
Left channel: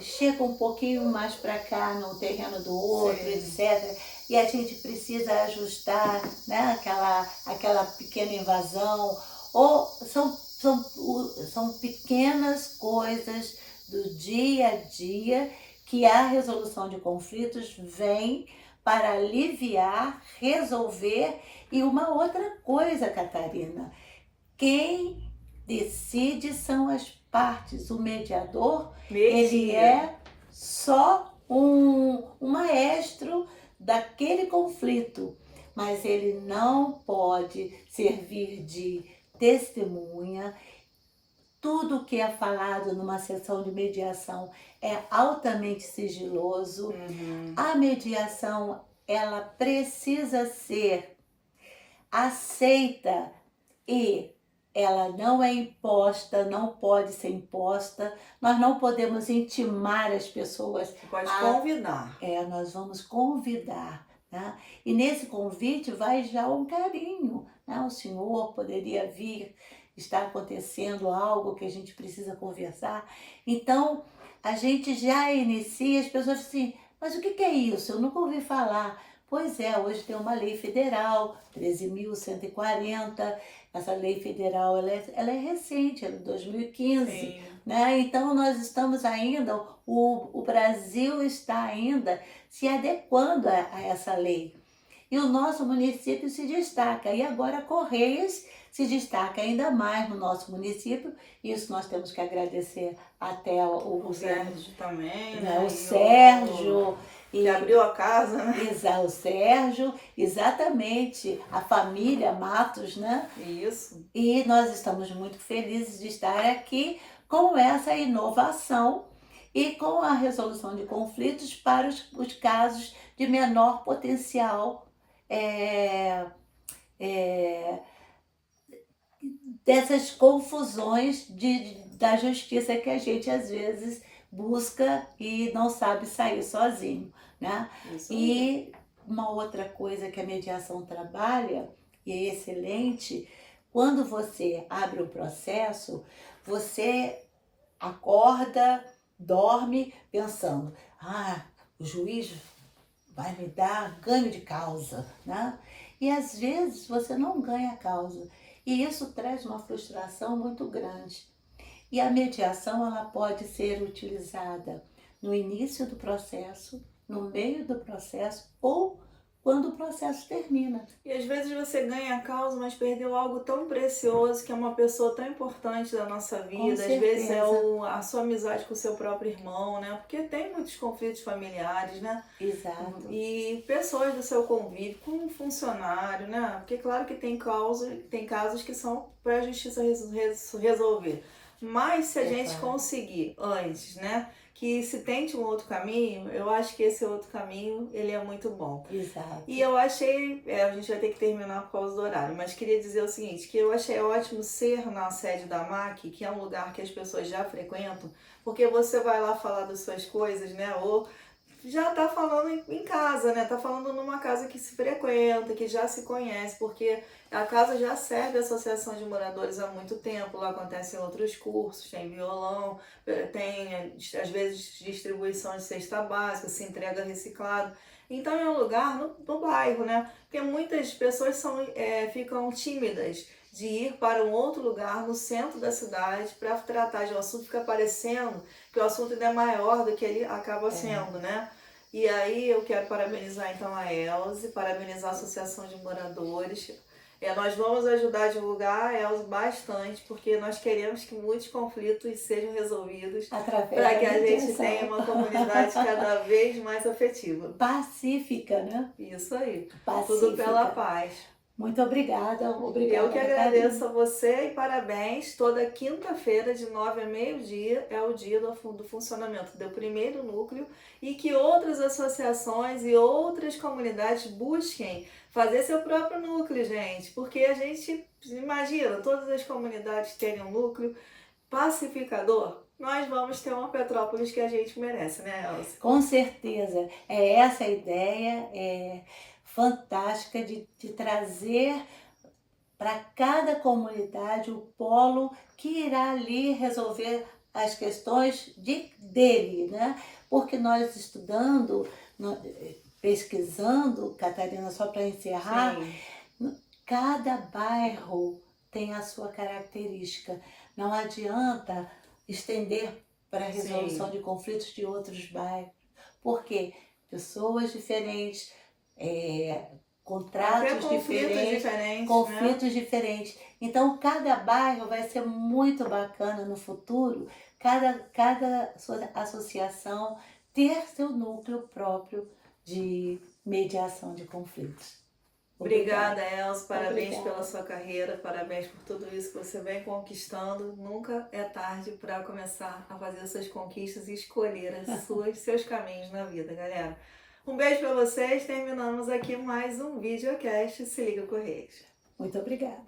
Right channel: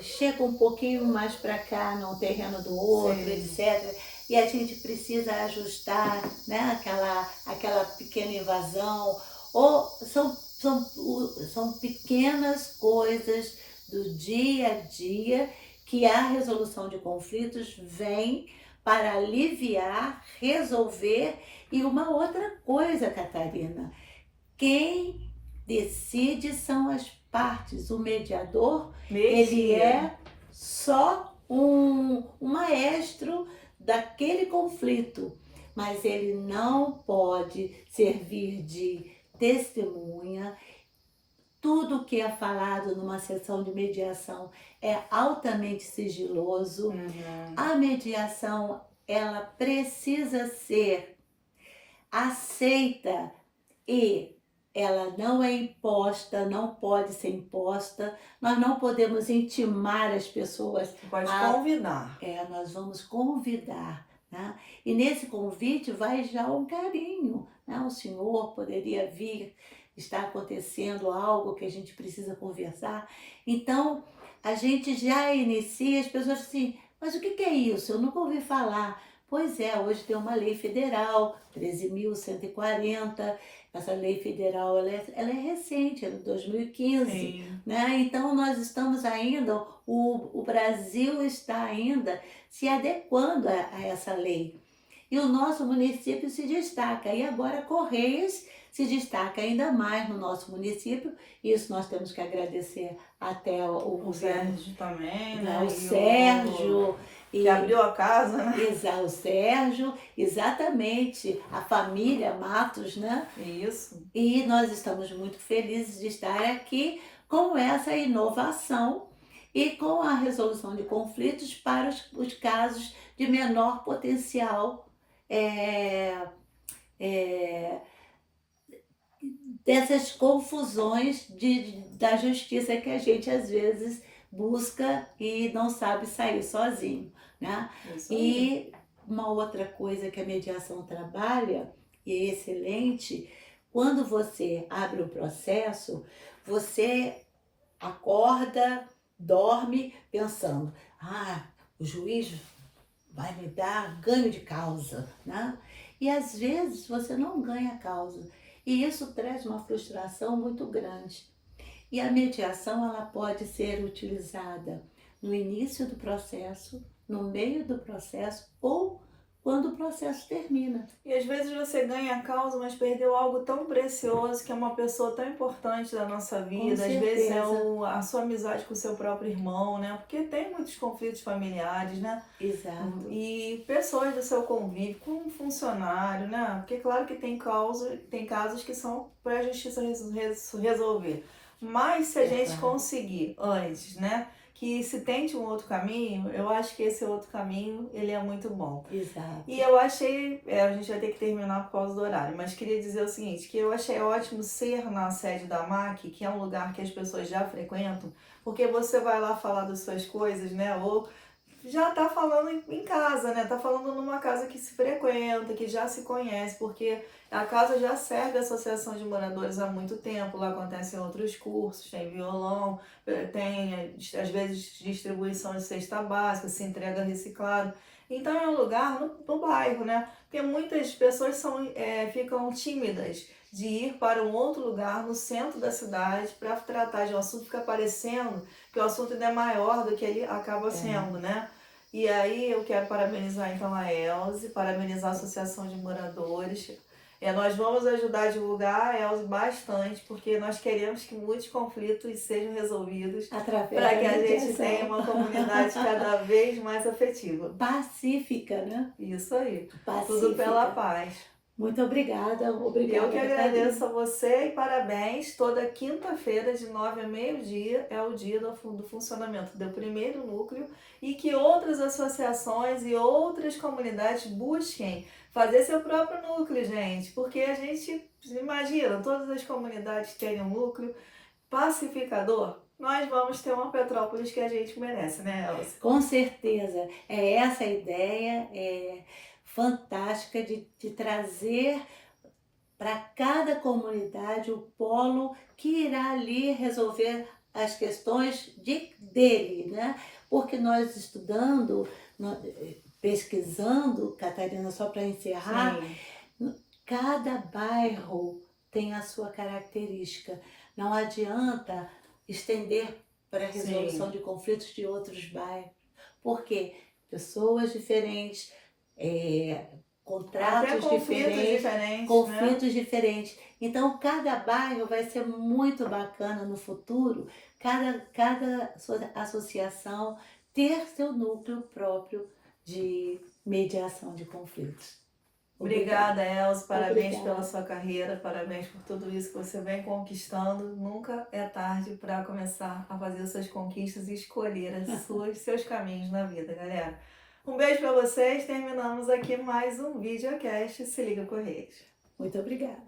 chega um pouquinho mais para cá no terreno do outro, Sim. etc. E a gente precisa ajustar, né, aquela pequena invasão. Ou são pequenas coisas do dia a dia que a resolução de conflitos vem para aliviar, resolver. E uma outra coisa, Catarina, quem decide são as partes. O mediador, ele é só um maestro daquele conflito, mas ele não pode servir de testemunha. Tudo que é falado numa sessão de mediação é altamente sigiloso. Uhum. A mediação, ela precisa ser aceita e ela não é imposta, não pode ser imposta. Nós não podemos intimar as pessoas. Você pode convidar. Nós vamos convidar, né? E nesse convite vai já um carinho, né? O senhor poderia vir, está acontecendo algo que a gente precisa conversar. Então, a gente já inicia, as pessoas assim, mas o que é isso? Eu nunca ouvi falar. Pois é, hoje tem uma lei federal, 13.140. Essa lei federal, ela é recente, ela é de 2015. Sim. Né? Então, nós estamos ainda, o Brasil está ainda se adequando a essa lei. E o nosso município se destaca. E agora Correias se destaca ainda mais no nosso município. Isso nós temos que agradecer até o Sérgio também, né? né? O Sérgio. Que abriu a casa, né? O Sérgio, exatamente, a família Matos, né? Isso. E nós estamos muito felizes de estar aqui com essa inovação e com a resolução de conflitos para os casos de menor potencial dessas confusões da justiça que a gente às vezes busca e não sabe sair sozinho, né? Isso aí. E uma outra coisa que a mediação trabalha, e é excelente, quando você abre um processo, você acorda, dorme pensando, o juiz vai me dar ganho de causa, né? E às vezes você não ganha causa. E isso traz uma frustração muito grande. E a mediação, ela pode ser utilizada no início do processo, no meio do processo ou quando o processo termina. E às vezes você ganha a causa, mas perdeu algo tão precioso, que é uma pessoa tão importante da nossa vida. Às vezes é a sua amizade com o seu próprio irmão, né? Porque tem muitos conflitos familiares, né? Exato. E pessoas do seu convívio, com um funcionário, né? Porque claro que tem casos que são para a justiça resolver. Mas se a gente conseguir antes, né? Que se tente um outro caminho, eu acho que esse outro caminho, ele é muito bom. Exato. E eu achei, a gente vai ter que terminar por causa do horário, mas queria dizer o seguinte, que eu achei ótimo ser na sede da MAC, que é um lugar que as pessoas já frequentam, porque você vai lá falar das suas coisas, né, ou já tá falando em casa, né? Tá falando numa casa que se frequenta, que já se conhece, porque a casa já serve a associação de moradores há muito tempo. Lá acontecem outros cursos, tem violão, tem às vezes distribuição de cesta básica, se entrega reciclado. Então é um lugar no bairro, né? Porque muitas pessoas ficam tímidas de ir para um outro lugar no centro da cidade para tratar de um assunto, fica parecendo que o assunto ainda é maior do que ele acaba sendo, né? E aí eu quero parabenizar então a Elze, parabenizar a Associação de Moradores. Nós vamos ajudar a divulgar a Elza bastante, porque nós queremos que muitos conflitos sejam resolvidos Através para da que a gente mediação. tenha uma comunidade cada vez mais afetiva. Pacífica, né? Isso aí. Pacífica. Tudo pela paz. Muito obrigada, obrigada. Eu que agradeço a você e parabéns. Toda quinta-feira, de 9 a meio-dia, é o dia do funcionamento do primeiro núcleo e que outras associações e outras comunidades busquem fazer seu próprio núcleo, gente. Porque a gente imagina todas as comunidades terem um núcleo pacificador. Nós vamos ter uma Petrópolis que a gente merece, né, Elza? Com certeza. É essa a ideia, fantástica de trazer para cada comunidade o polo que irá ali resolver as questões dele, né? Porque nós estudando, pesquisando, Catarina, só para encerrar, cada bairro tem a sua característica. Não adianta estender para a resolução de conflitos de outros bairros, porque pessoas diferentes, contratos conflitos diferentes. Então, cada bairro vai ser muito bacana no futuro, cada associação ter seu núcleo próprio de mediação de conflitos. Obrigada, Elza. Parabéns pela sua carreira, parabéns por tudo isso que você vem conquistando. Nunca é tarde para começar a fazer suas conquistas e escolher seus caminhos na vida, galera. Um beijo para vocês. Terminamos aqui mais um videocast. Se liga, Correios. Muito obrigada.